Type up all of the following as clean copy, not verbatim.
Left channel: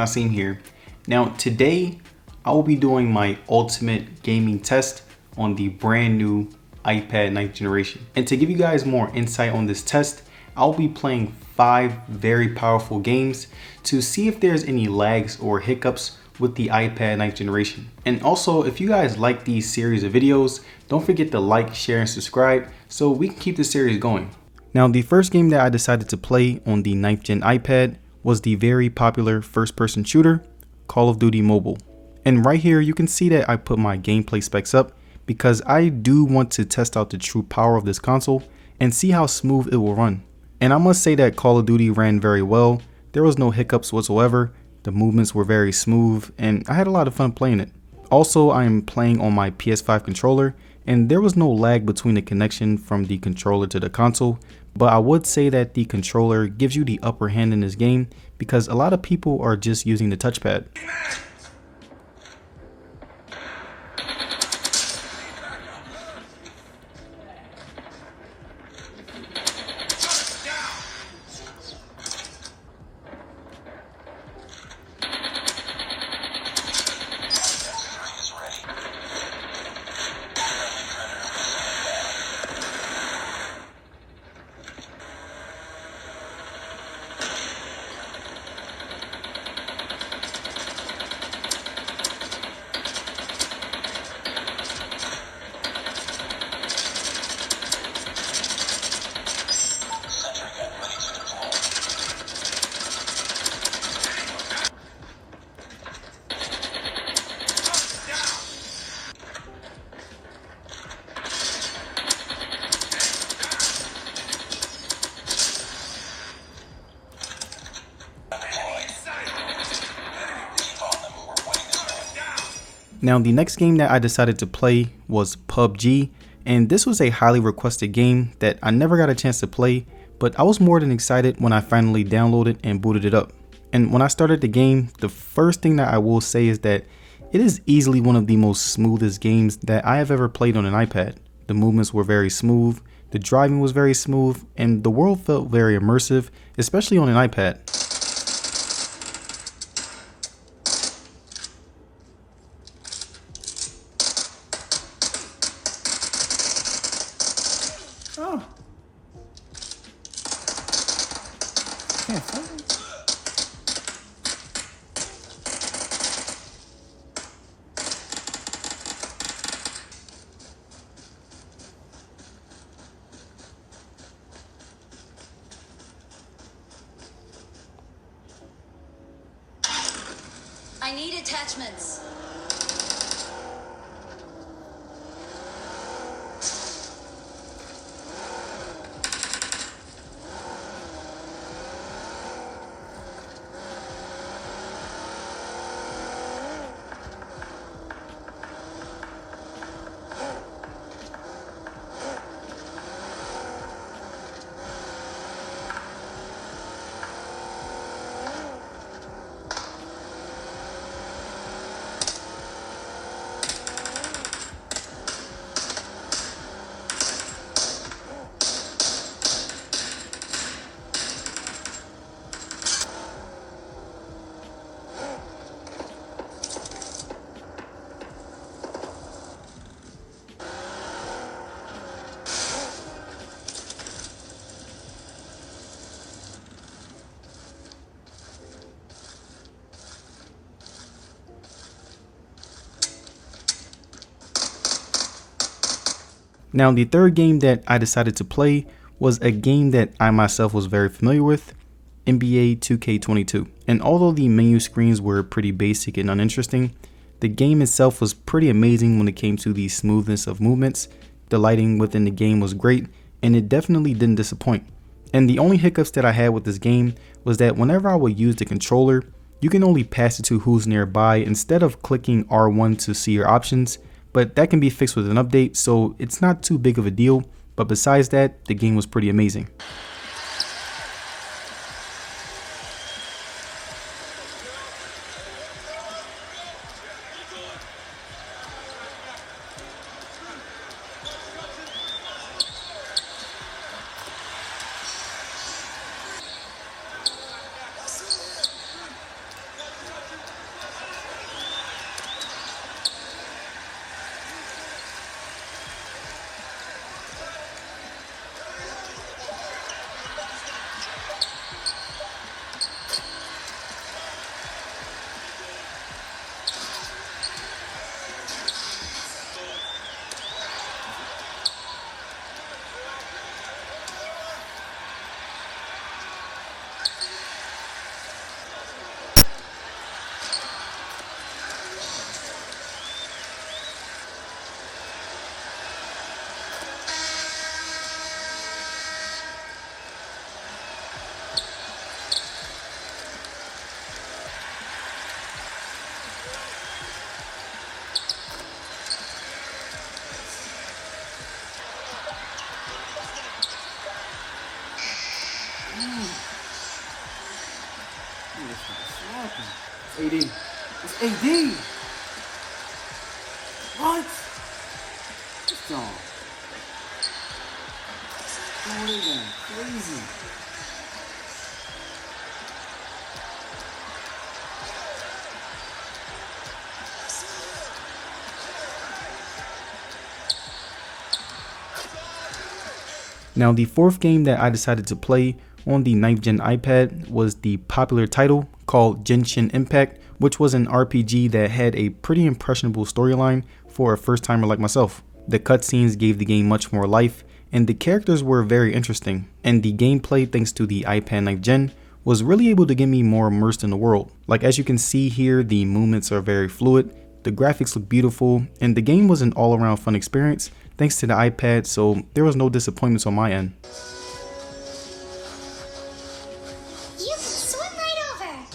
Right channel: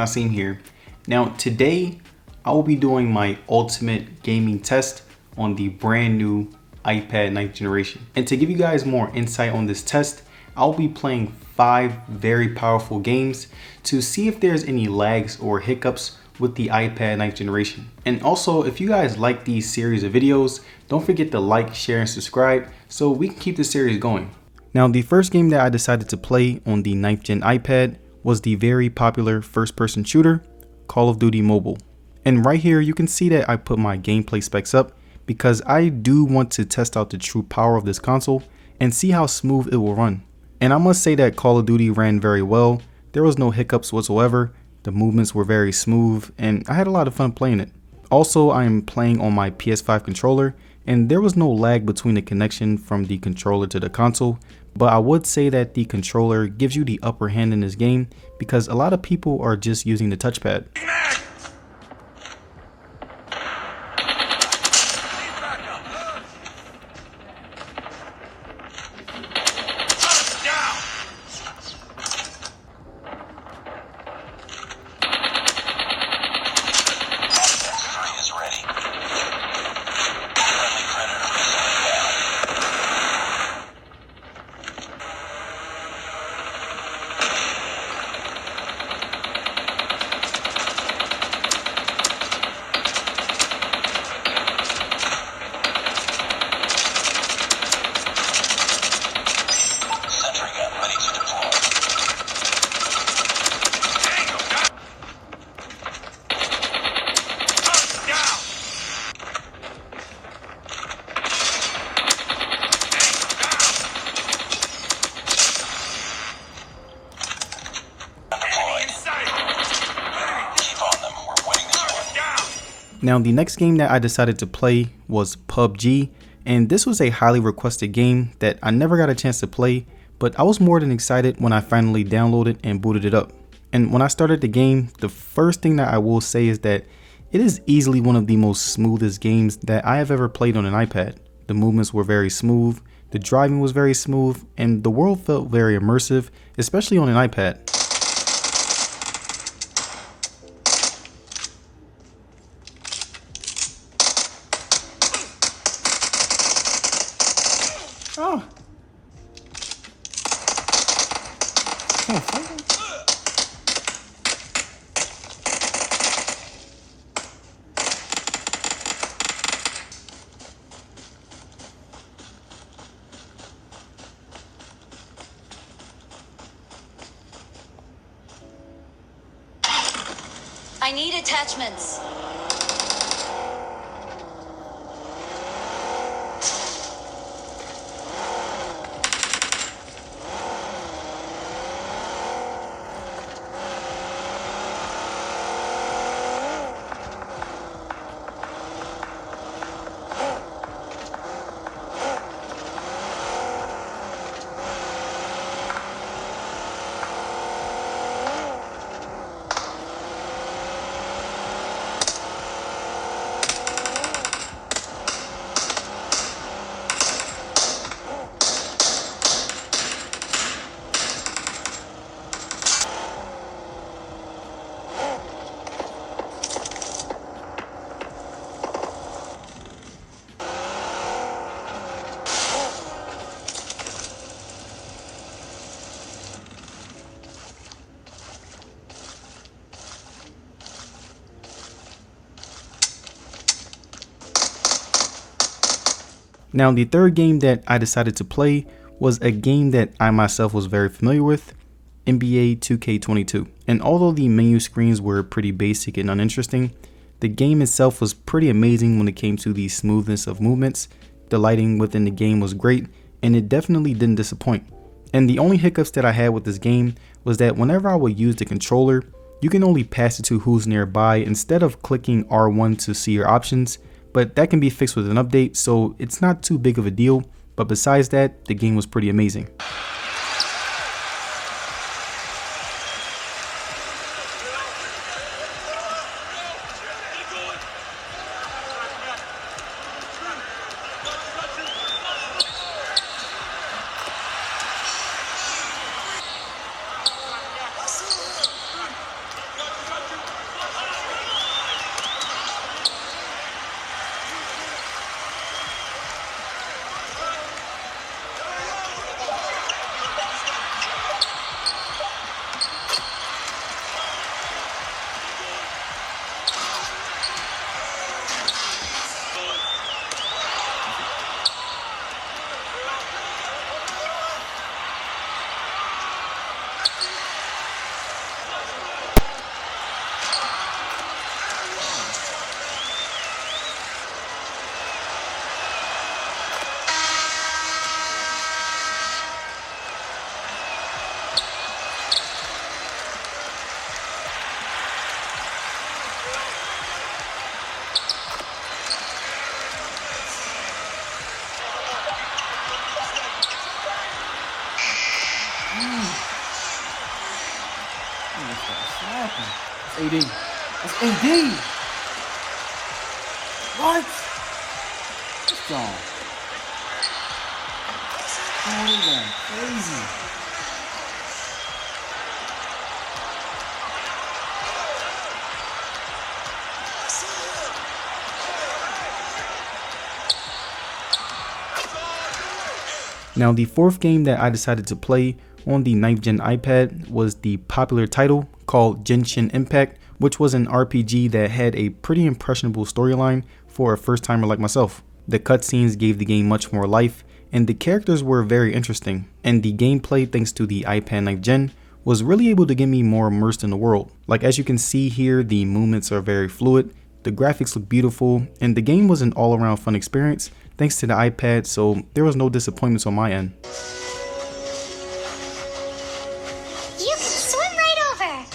Nasim here. Now today I will be doing my ultimate gaming test on the brand new iPad 9th generation. And to give you guys more insight on this test, I'll be playing 5 very powerful games to see if there's any lags or hiccups with the iPad 9th generation. And also, if you guys like these series of videos, don't forget to like, share, and subscribe so we can keep this series going. Now, the first game that I decided to play on the 9th gen iPad was the very popular first-person shooter, Call of Duty Mobile. And right here, you can see that I put my gameplay specs up because I do want to test out the true power of this console and see how smooth it will run. And I must say that Call of Duty ran very well. There was no hiccups whatsoever. The movements were very smooth and I had a lot of fun playing it. Also, I am playing on my PS5 controller and there was no lag between the connection from the controller to the console, but I would say that the controller gives you the upper hand in this game because a lot of people are just using the touchpad. Now, the next game that I decided to play was PUBG, and this was a highly requested game that I never got a chance to play, but I was more than excited when I finally downloaded and booted it up. And when I started the game, the first thing that I will say is that it is easily one of the most smoothest games that I have ever played on an iPad. The movements were very smooth, the driving was very smooth, and the world felt very immersive, especially on an iPad. Oh. I need attachments. Now, the third game that I decided to play was a game that I myself was very familiar with, NBA 2K22. And although the menu screens were pretty basic and uninteresting, the game itself was pretty amazing when it came to the smoothness of movements. The lighting within the game was great, and it definitely didn't disappoint. And the only hiccups that I had with this game was that whenever I would use the controller, you can only pass it to who's nearby instead of clicking R1 to see your options. But that can be fixed with an update, so it's not too big of a deal. But besides that, the game was pretty amazing. AD. It's AD. What? Let's go. Crazy. Now, the fourth game that I decided to play on the 9th gen iPad was the popular title called Genshin Impact, which was an RPG that had a pretty impressionable storyline for a first timer like myself. The cutscenes gave the game much more life, and the characters were very interesting, and the gameplay, thanks to the iPad 9th gen, was really able to get me more immersed in the world. Like, as you can see here, the movements are very fluid, the graphics look beautiful, and the game was an all-around fun experience thanks to the iPad, so there was no disappointments on my end. You can swim right over.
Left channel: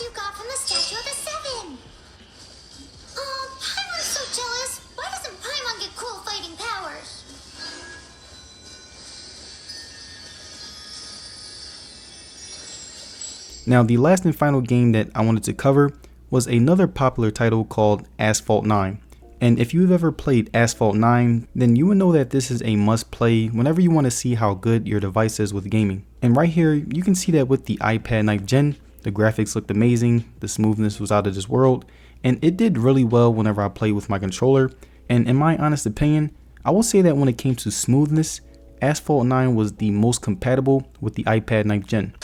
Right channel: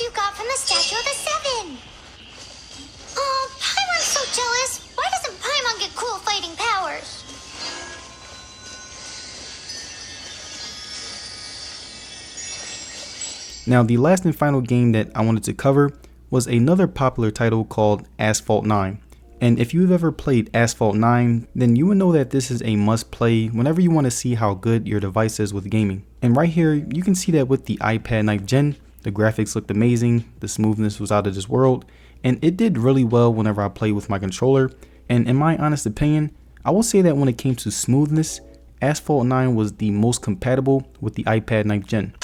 You got from the Statue of the Seven. Oh, Paimon's so jealous. Why doesn't Paimon get cool fighting powers? Now, the last and final game that I wanted to cover was another popular title called Asphalt 9. And if you've ever played Asphalt 9, then you would know that this is a must play whenever you want to see how good your device is with gaming. And right here, you can see that with the iPad 9th gen, the graphics looked amazing, the smoothness was out of this world, and it did really well whenever I played with my controller. And in my honest opinion, I will say that when it came to smoothness, Asphalt 9 was the most compatible with the iPad 9th gen.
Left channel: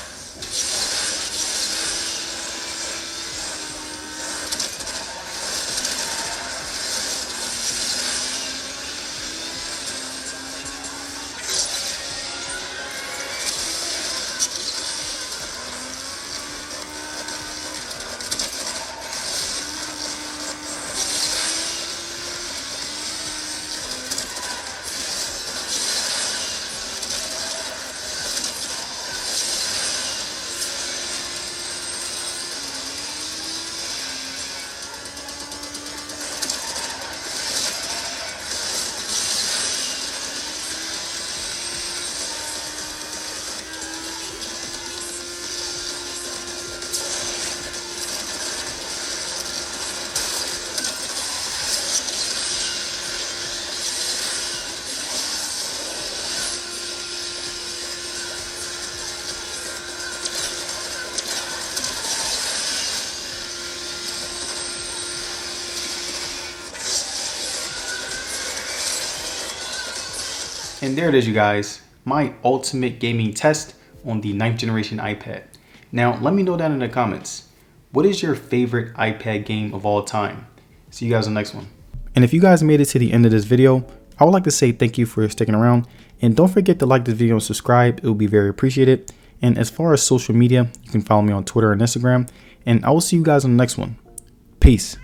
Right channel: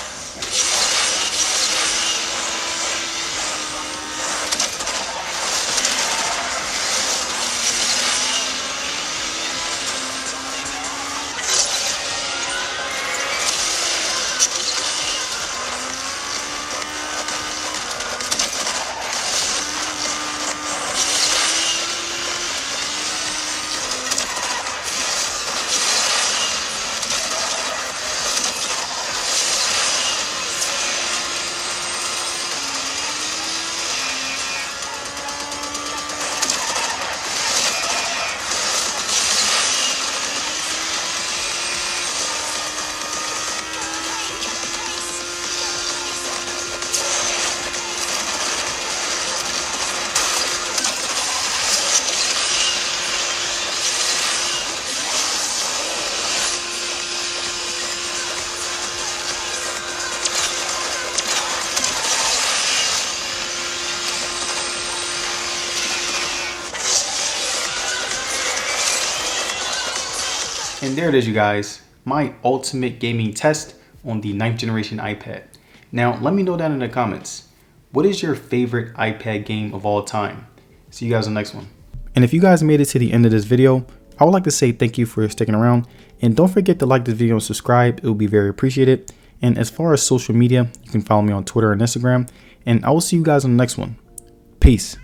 And there it is, you guys, my ultimate gaming test on the 9th generation iPad. Now, let me know down in the comments, what is your favorite iPad game of all time? See you guys on the next one. And if you guys made it to the end of this video, I would like to say thank you for sticking around. And don't forget to like this video and subscribe. It will be very appreciated. And as far as social media, you can follow me on Twitter and Instagram. And I will see you guys on the next one. Peace.